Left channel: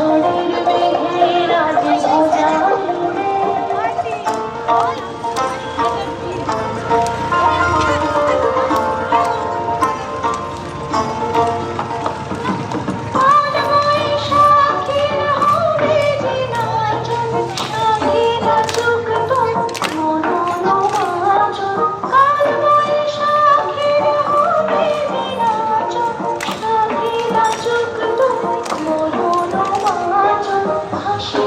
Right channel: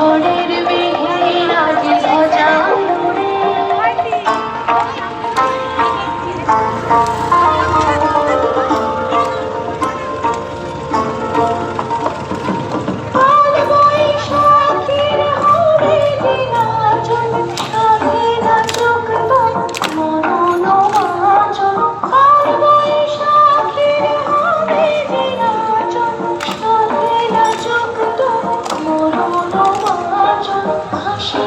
ঝড়ের মেঘে আজ ভজা উড়ে কাল বৈশাখীর হবে যে নাচন সাধে নাচুক তোর মনন বাঁচন কাল বৈশাখীর হবে যে নাচন সাধে নাচুক তোর মনন বাঁচন হাসি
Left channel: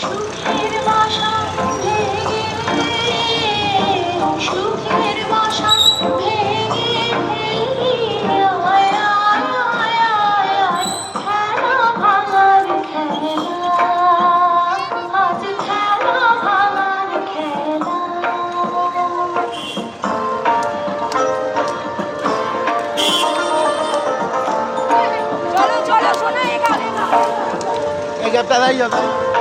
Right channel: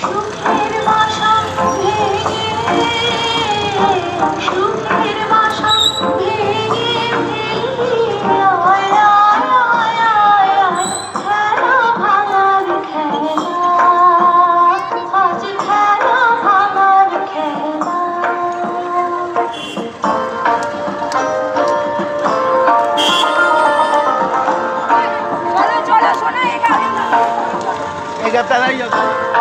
সুখের বাসা ভেঙে সুখের বাসা ভেঙে আয় আয় আয় আয় আয় খেলা ভাঙার খেলা আজ খেলা ভাঙার খেলা এই গ্যাপটা দাঁড়িয়ে